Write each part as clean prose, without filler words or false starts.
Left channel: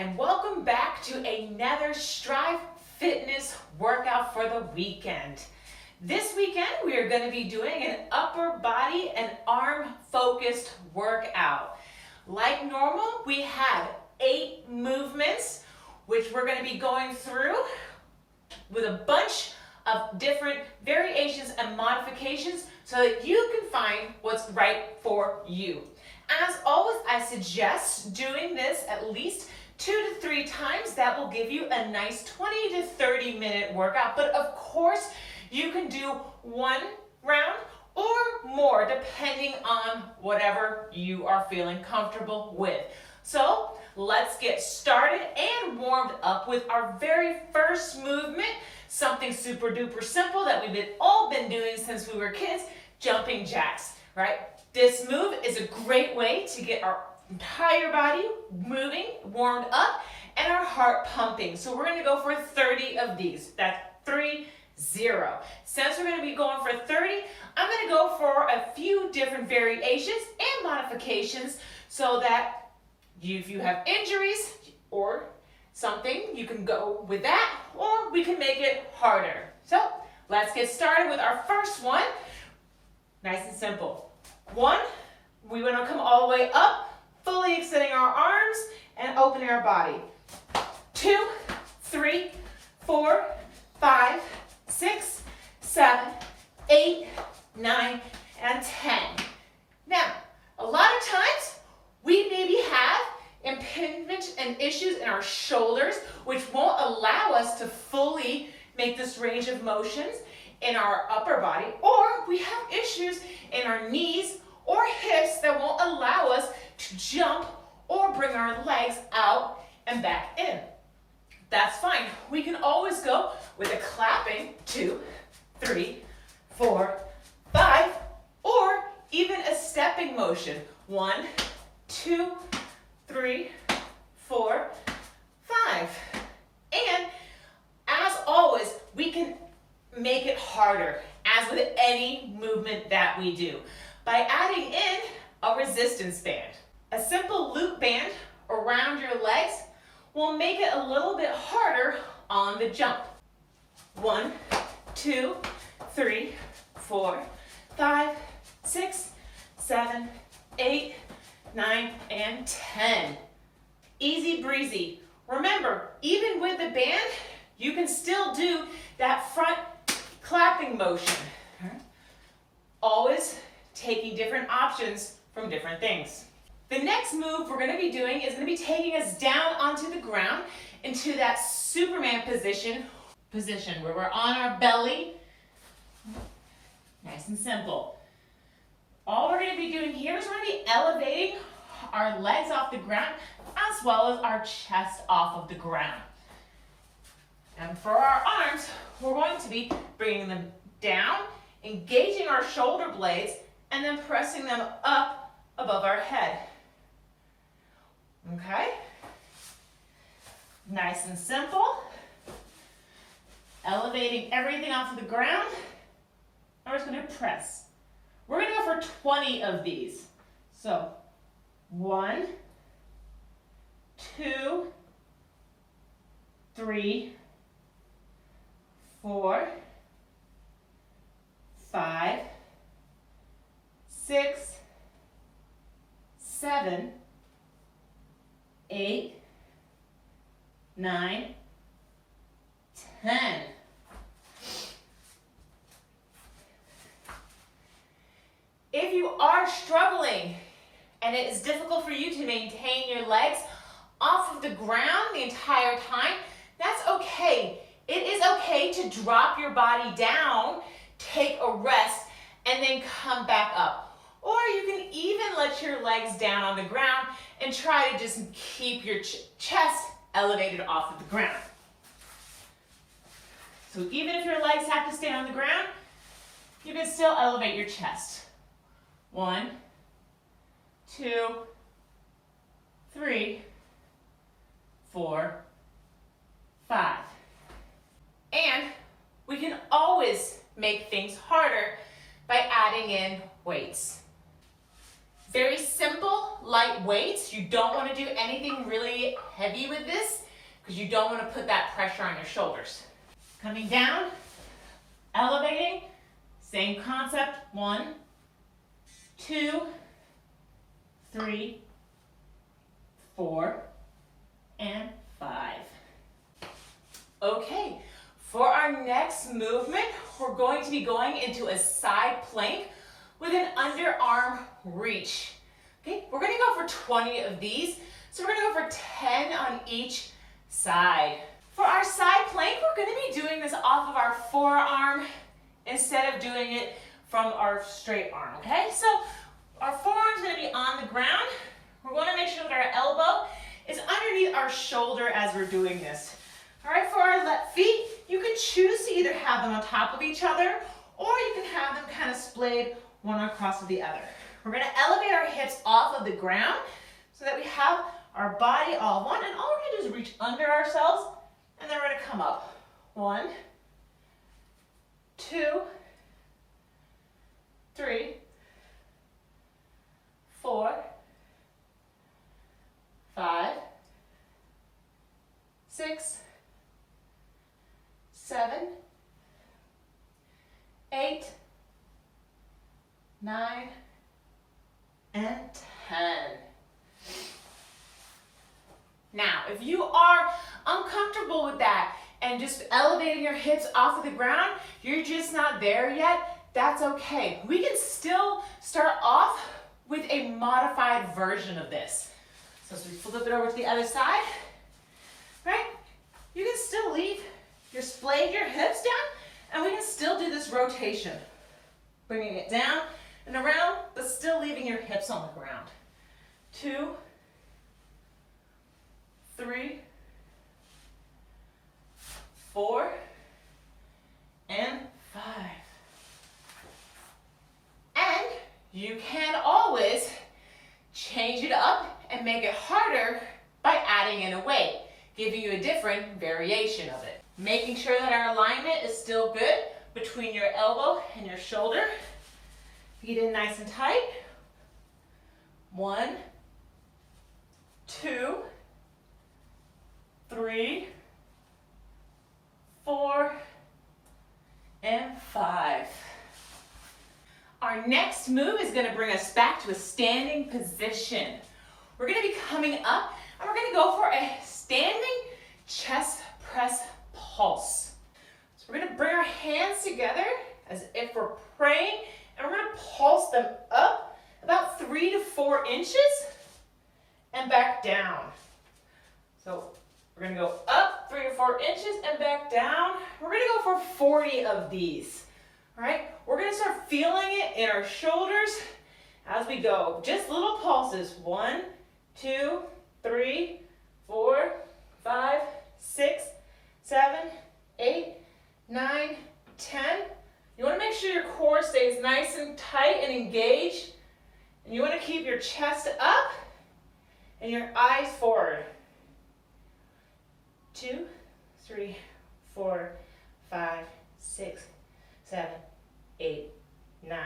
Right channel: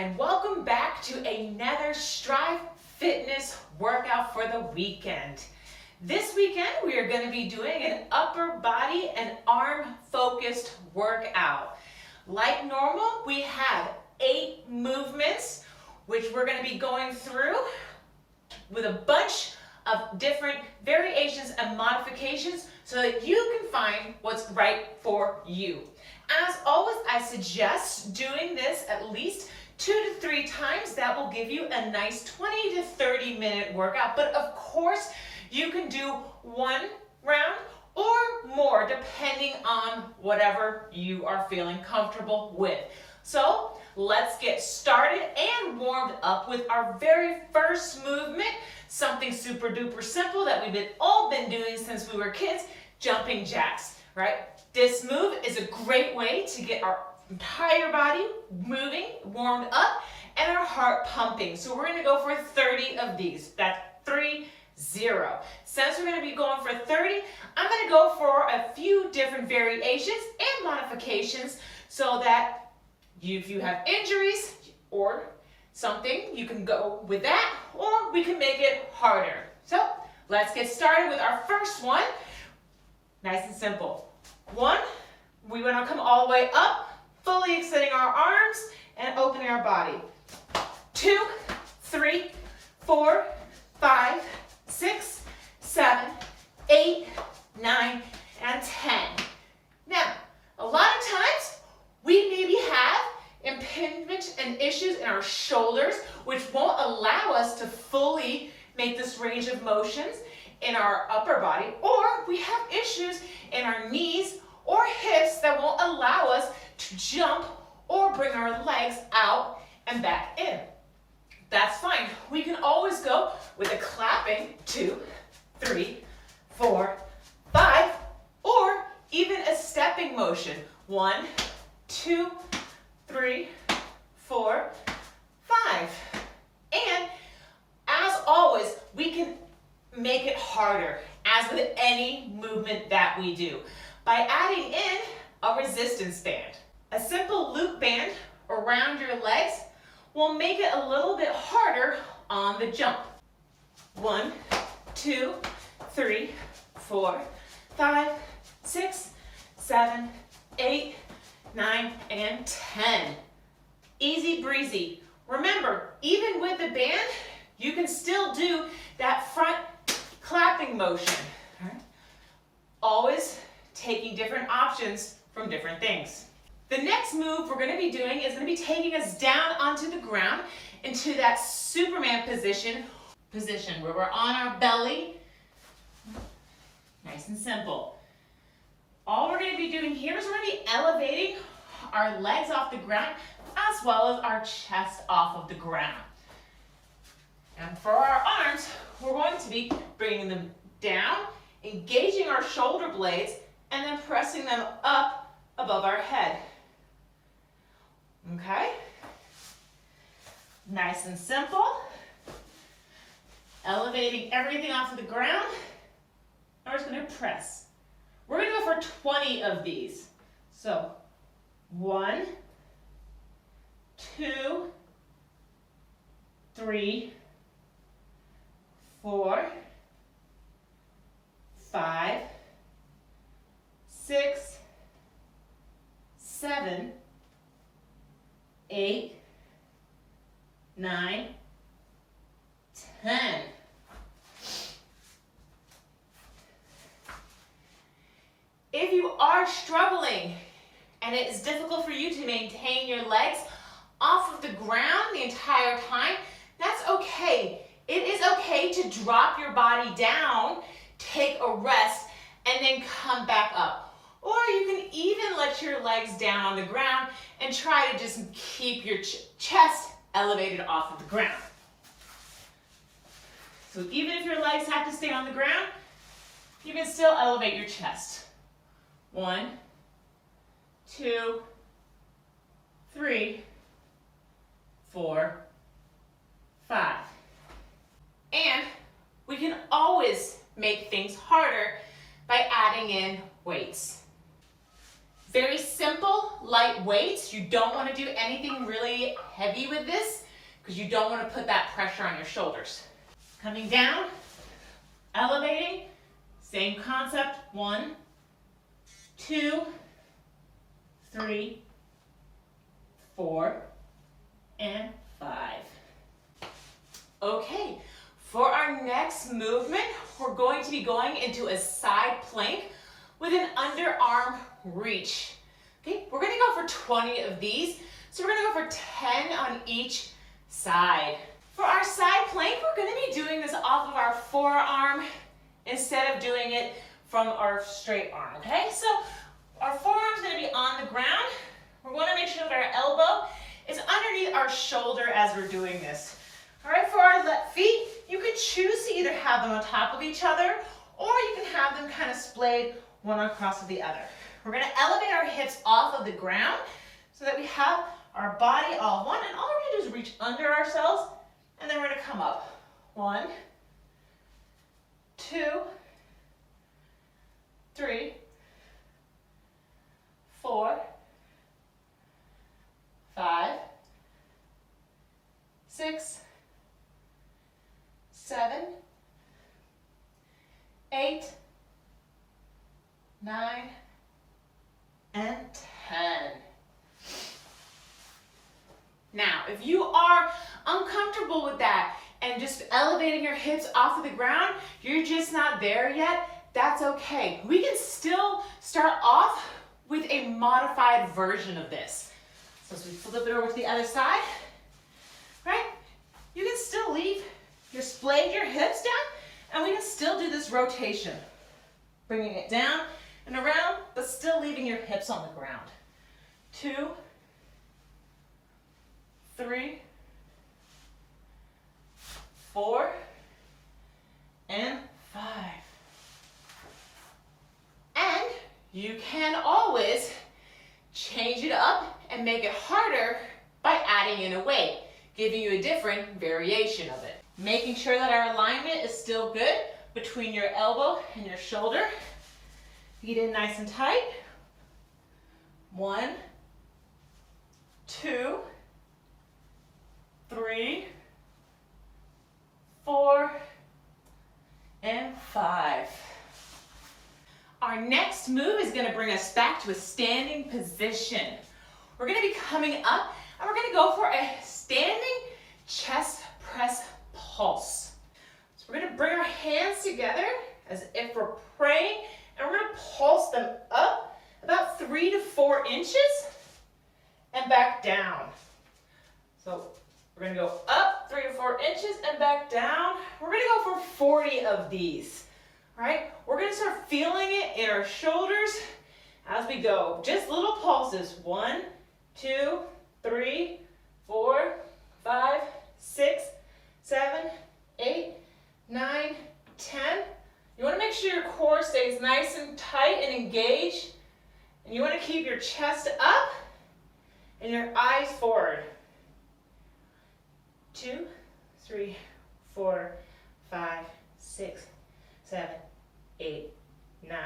and welcome back to another Strive Fitness workout for the weekend. This weekend we are going to be doing an upper body and arm focused workout. Like normal, we have 8 movements which we're going to be going through with a bunch of different variations and modifications so that you can find what's right for you. As always, I suggest doing this at least 2 to 3 times. That will give you a nice 20 to 30 minute workout. But of course, you can do 1 round or more depending on whatever you are feeling comfortable with. So let's get started and warmed up with our very first movement, something super duper simple that we've all been doing since we were kids, jumping jacks, right? This move is a great way to get our entire body moving, warmed up, and our heart pumping. So we're gonna go for 30 of these. That's 30. Since we're gonna be going for 30, I'm gonna go for a few different variations and modifications so that if you have injuries or something, you can go with that, or we can make it harder. So let's get started with our first one. Nice and simple. 1, we want to come all the way up, fully extending our arms and opening our body. 2, 3, 4, 5, 6, 7, 8, 9, and 10. Now, a lot of times we maybe have impingement and issues in our shoulders, which won't allow us to fully make this range of motions in our upper body, or we have issues in our knees or hips that won't allow us to jump or bring our legs out and back in. That's fine. We can always go with a clapping 2, 3, 4, 5, or even a stepping motion. 1, 2, 3, 4, 5. And as always, we can make it harder, as with any movement that we do, by adding in a resistance band. A simple loop band around your legs will make it a little bit harder on the jump. 1, 2, 3, 4, 5, 6, 7, 8, 9, and 10. Easy breezy. Remember, even with the band, you can still do that front clapping motion. Always taking different options from different things. The next move we're going to be doing is going to be taking us down onto the ground into that Superman position where we're on our belly. Nice and simple. All we're going to be doing here is we're going to be elevating our legs off the ground as well as our chest off of the ground. And for our arms, we're going to be bringing them down, engaging our shoulder blades, and then pressing them up above our head. Okay? Nice and simple. Elevating everything off of the ground. And we're just going to press. We're going to go for 20 of these. So 1, 2, 3, 4, 5, 6, 7, 8, 9, 10. If you are struggling and it is difficult for you to maintain your legs off of the ground the entire time, that's okay. It is okay to drop your body down, take a rest, and then come back up. Or you can even let your legs down on the ground and try to just keep your chest elevated off of the ground. So even if your legs have to stay on the ground, you can still elevate your chest. 1, 2, 3, 4, 5. And we can always make things harder by adding in weights. Very simple, light weights. You don't want to do anything really heavy with this because you don't want to put that pressure on your shoulders. Coming down, elevating, same concept. 1, 2, 3, 4, and 5. Okay, for our next movement, we're going to be going into a side plank with an underarm reach. Okay, we're gonna go for 20 of these. So we're gonna go for 10 on each side. For our side plank, we're gonna be doing this off of our forearm instead of doing it from our straight arm, okay? So our forearm's gonna be on the ground. We're gonna make sure that our elbow is underneath our shoulder as we're doing this. All right, for our left feet, you can choose to either have them on top of each other or you can have them kind of splayed one across of the other. We're gonna elevate our hips off of the ground so that we have our body all one, and all we're gonna do is reach under ourselves, and then we're gonna come up. 1, 2, 3, 4, 5, 6, 7, 8, 9, and 10. Now, if you are uncomfortable with that and just elevating your hips off of the ground, you're just not there yet, that's okay. We can still start off with a modified version of this. So as we flip it over to the other side, right? You can still leave splayed your hips down, and we can still do this rotation. Bringing it down and around, but still leaving your hips on the ground. 2, 3, 4, and 5. And you can always change it up and make it harder by adding in a weight, giving you a different variation of it. Making sure that our alignment is still good between your elbow and your shoulder. Feet in nice and tight. 1, 2, 3, 4, and 5. Our next move is going to bring us back to a standing position. We're going to be coming up and we're going to go for a standing chest press pulse. So we're going to bring our hands together as if we're praying, and we're going to pulse them up about 3 to 4 inches and back down. So we're going to go up 3 to 4 inches and back down. We're going to go for 40 of these. All right, we're going to start feeling it in our shoulders as we go. Just little pulses. 1, 2, 3, 4, 5, 6, 7, 8, 9, 10. You want to make sure your core stays nice and tight and engaged. And you want to keep your chest up and your eyes forward. 2, 3, 4, 5, 6, 7, 8, 9,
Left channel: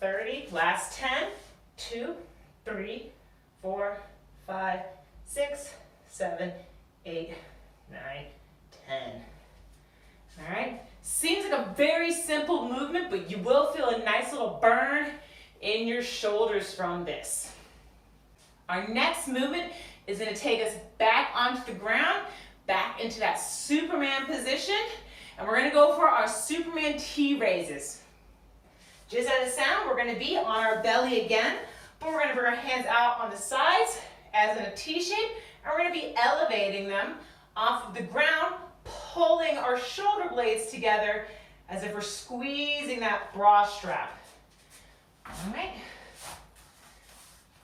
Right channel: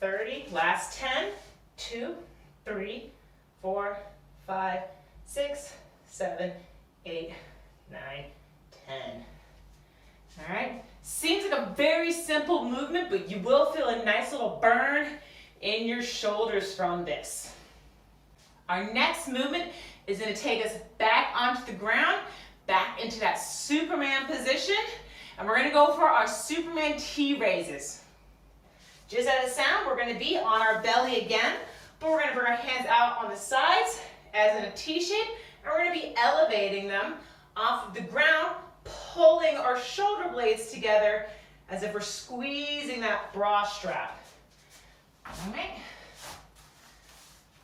30. Last 10. 2, 3, 4, 5, 6, 7, 8, 9, 10. All right. Seems like a very simple movement, but you will feel a nice little burn in your shoulders from this. Our next movement is going to take us back onto the ground, back into that Superman position, and we're going to go for our Superman T raises. Just as a sound, we're going to be on our belly again, but we're going to bring our hands out on the sides as in a T shape, and we're going to be elevating them off of the ground, pulling our shoulder blades together as if we're squeezing that bra strap. All right.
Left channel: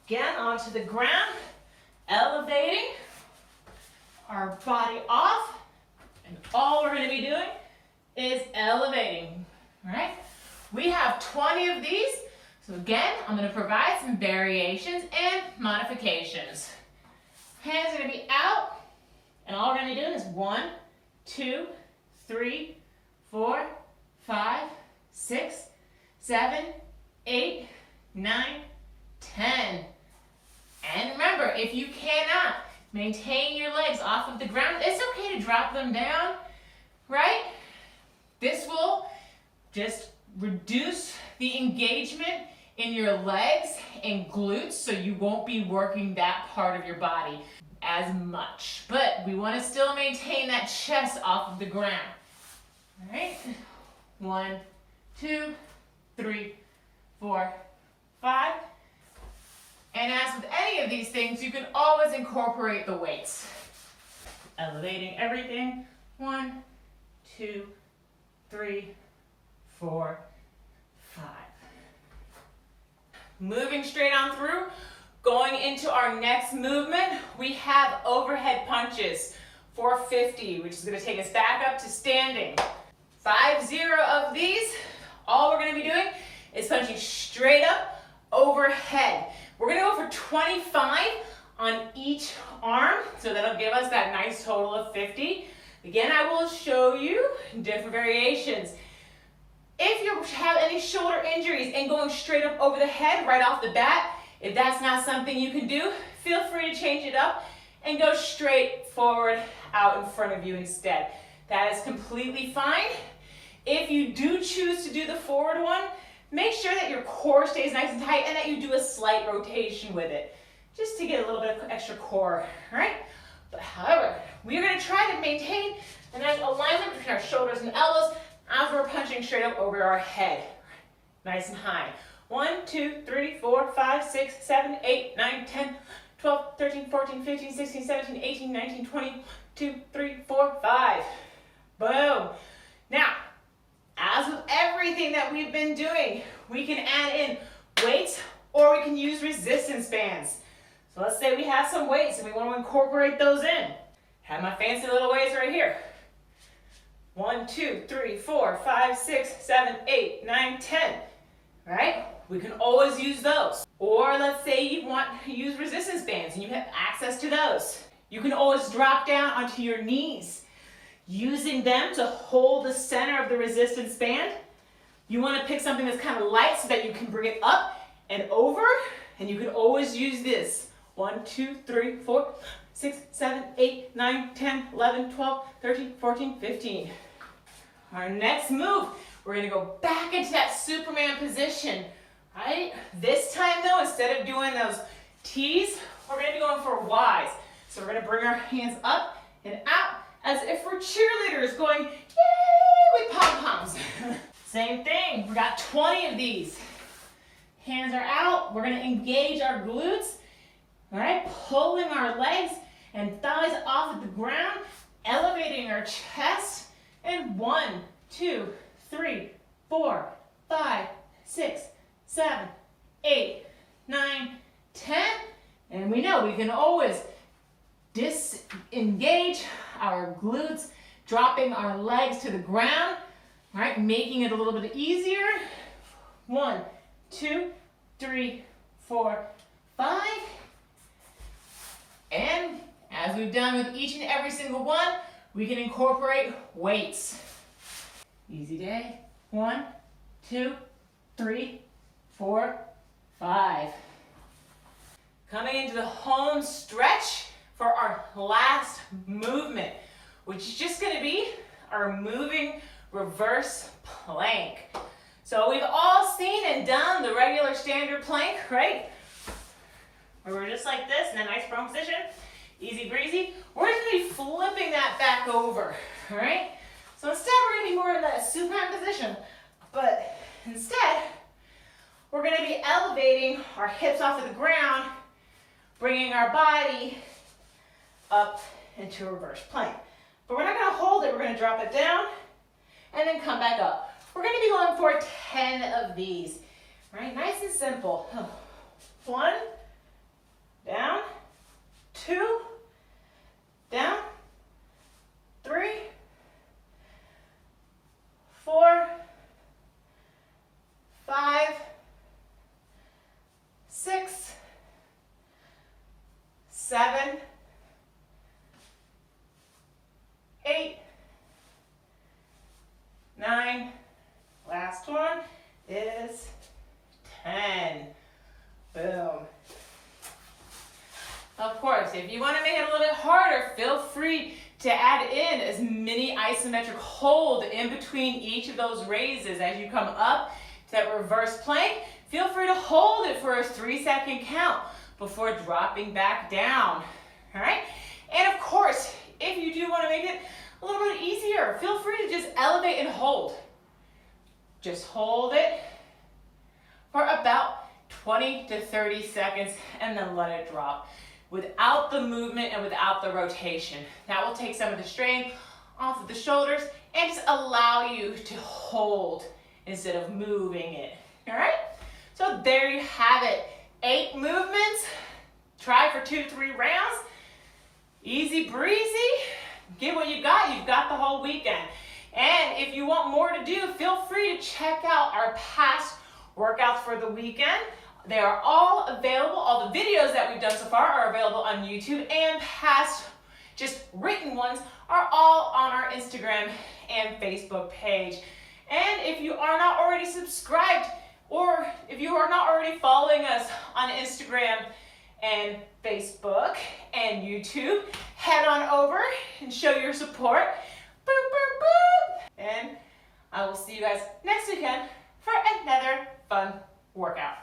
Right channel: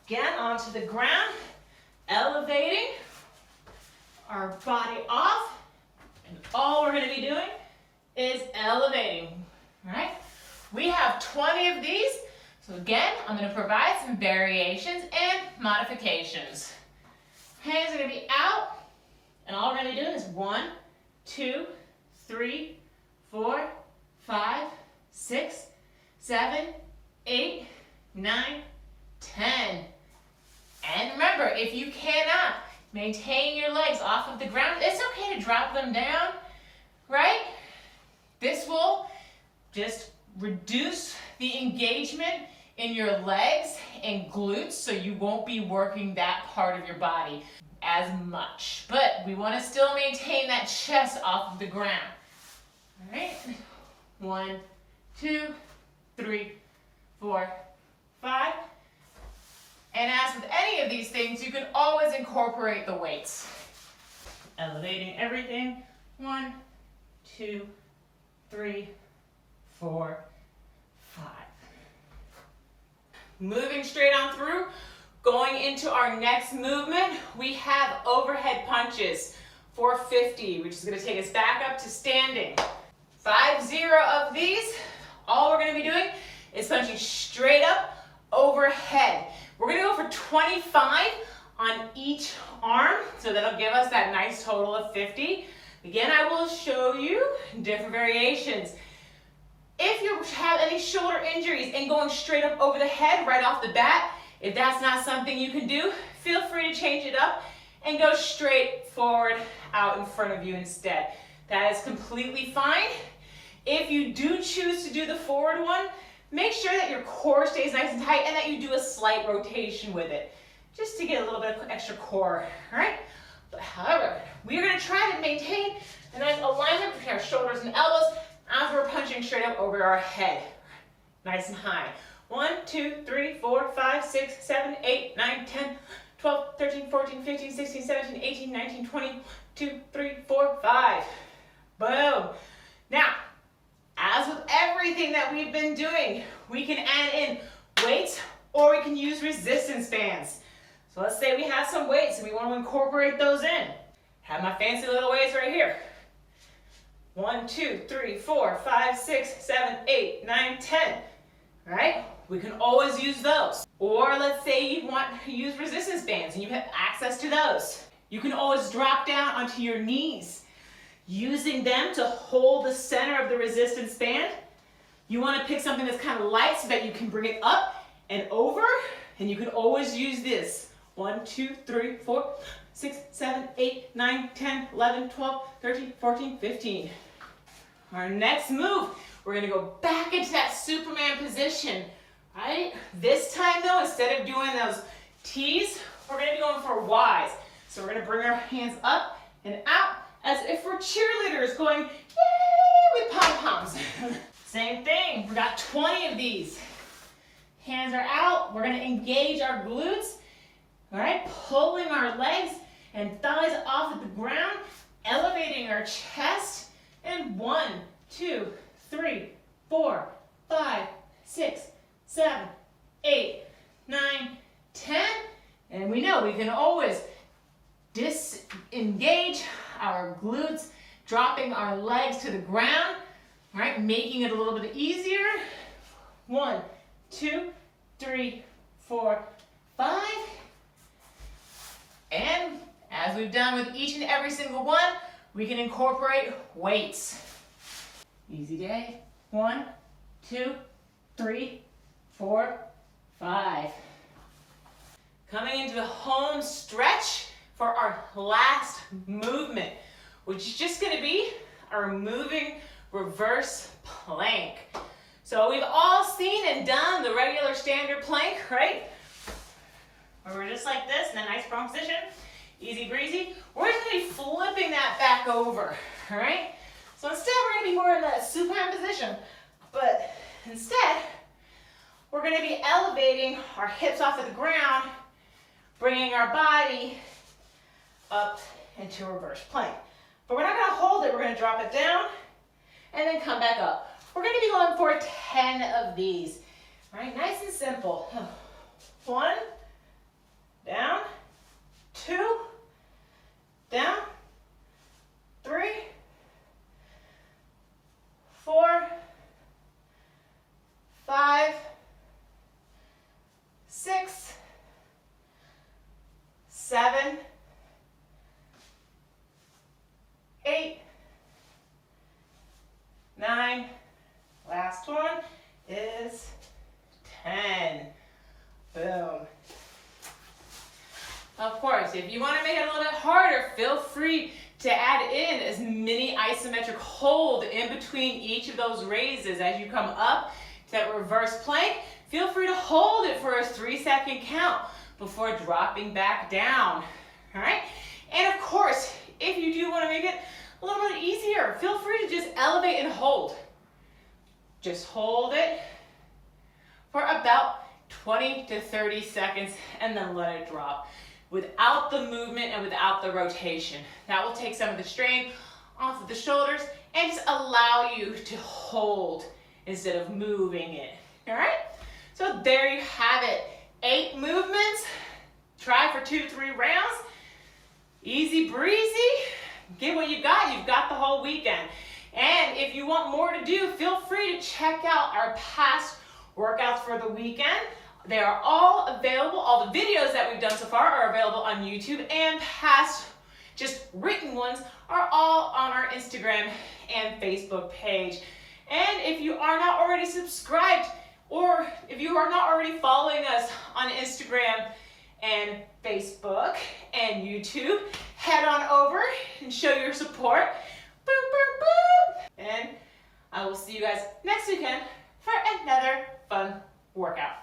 Again, onto the ground, elevating our body off, and all we're going to be doing is elevating. All right. We have 20 of these. So again, I'm going to provide some variations and modifications. Hands are going to be out, and all we're going to be doing is 1, 2, 3, 4, 5, 6, 7, 8, 9, 10. Maintain your legs off of the ground. It's okay to drop them down, right? This will just reduce the engagement in your legs and glutes, so you won't be working that part of your body as much. But we want to still maintain that chest off of the ground. All right, 1, 2, 3, 4, 5. And as with any of these things, you can always incorporate the weights. Elevating everything. 1, 2, 3, 4, 5. Moving straight on through. Going into our next movement, we have overhead punches for 50, which is going to take us back up to standing. 50 of these. All we're going to be doing is punching straight up overhead. We're going to go for 25 on each arm, so that'll give us that nice total of 50. Again, I will show you different variations. If you have any shoulder injuries and going straight up over the head right off the bat, if that's not something you can do, feel free to change it up and go straight forward out in front of you instead. That is completely fine. If you do choose to do the forward one, make sure that your core stays nice and tight and that you do a slight rotation with it, just to get a little bit of extra core, all right? But however, we are gonna try to maintain a nice alignment between our shoulders and elbows as we're punching straight up over our head, nice and high. 1, 2, 3, 4, 5, 6, 7, 8, 9, 10, 12, 13, 14, 15, 16, 17, 18, 19, 20, 2, 3, 4, 5. Boom. Now, as with everything that we've been doing, we can add in weights or we can use resistance bands. So let's say we have some weights and we want to incorporate those in. Have my fancy little weights right here. 1, 2, 3, 4, 5, 6, 7, 8, 9, 10. All right? We can always use those. Or let's say you want to use resistance bands and you have access to those. You can always drop down onto your knees, using them to hold the center of the resistance band. You want to pick something that's kind of light so that you can bring it up and over, and you can always use this. 1, 2, 3, 4, 6, 7, 8, 9, 10, 11, 12, 13, 14, 15. Our next move, we're going to go back into that Superman position, right? This time though, instead of doing those T's, we're going to be going for Y's. So we're going to bring our hands up and out as if we're cheerleaders going, yay, with pom-poms. Same thing, we got 20 of these. Hands are out, we're going to engage our glutes, all right? Pulling our legs and thighs off of the ground, elevating our chest, and 1, 2, 3, 4, 5, 6, 7, 8, 9, 10. And we know we can always disengage our glutes, dropping our legs to the ground, all right, making it a little bit easier. 1, 2, 3, 4, 5. And as we've done with each and every single one, we can incorporate weights. Easy day. 1, 2, 3, 4, 5. Coming into the home stretch for our last movement, which is just going to be our moving reverse plank. So we've all seen and done the regular standard plank, right? Where we're just like this in a nice prone position, easy breezy. We're just going to be flipping that back over, all right? So instead we're going to be more in that supine position, but instead we're going to be elevating our hips off of the ground, bringing our body up into a reverse plank. But we're not going to hold it, we're going to drop it down and then come back up. We're going to be going for 10 of these, right? Nice and simple. 1, down, 2, down, 3, 4, 5, 6, 7, 8, 9, last one is 10. Boom. A course, if you want to make it a little bit harder, feel free to add in as many isometric hold in between each of those raises. As you come up to that reverse plank, feel free to hold it for a 3-second count before dropping back down. All right? And of course, if you do want to make it a little bit easier, feel free to just elevate and hold. Just hold it for about 20 to 30 seconds and then let it drop without the movement and without the rotation. That will take some of the strain off of the shoulders and just allow you to hold instead of moving it. All right? So there you have it. 8 movements. Try for 2-3 rounds. Easy breezy. Give what you got. You've got the whole weekend. And if you want more to do, feel free to check out our past workouts for the weekend. They are all available. All the videos that we've done so far are available on YouTube, and past just written ones are all on our Instagram and Facebook page. And if you are not already subscribed, or if you are not already following us on Instagram and Facebook and YouTube, head on over and show your support. Boop, boop, boop. And I will see you guys next weekend for another fun workout.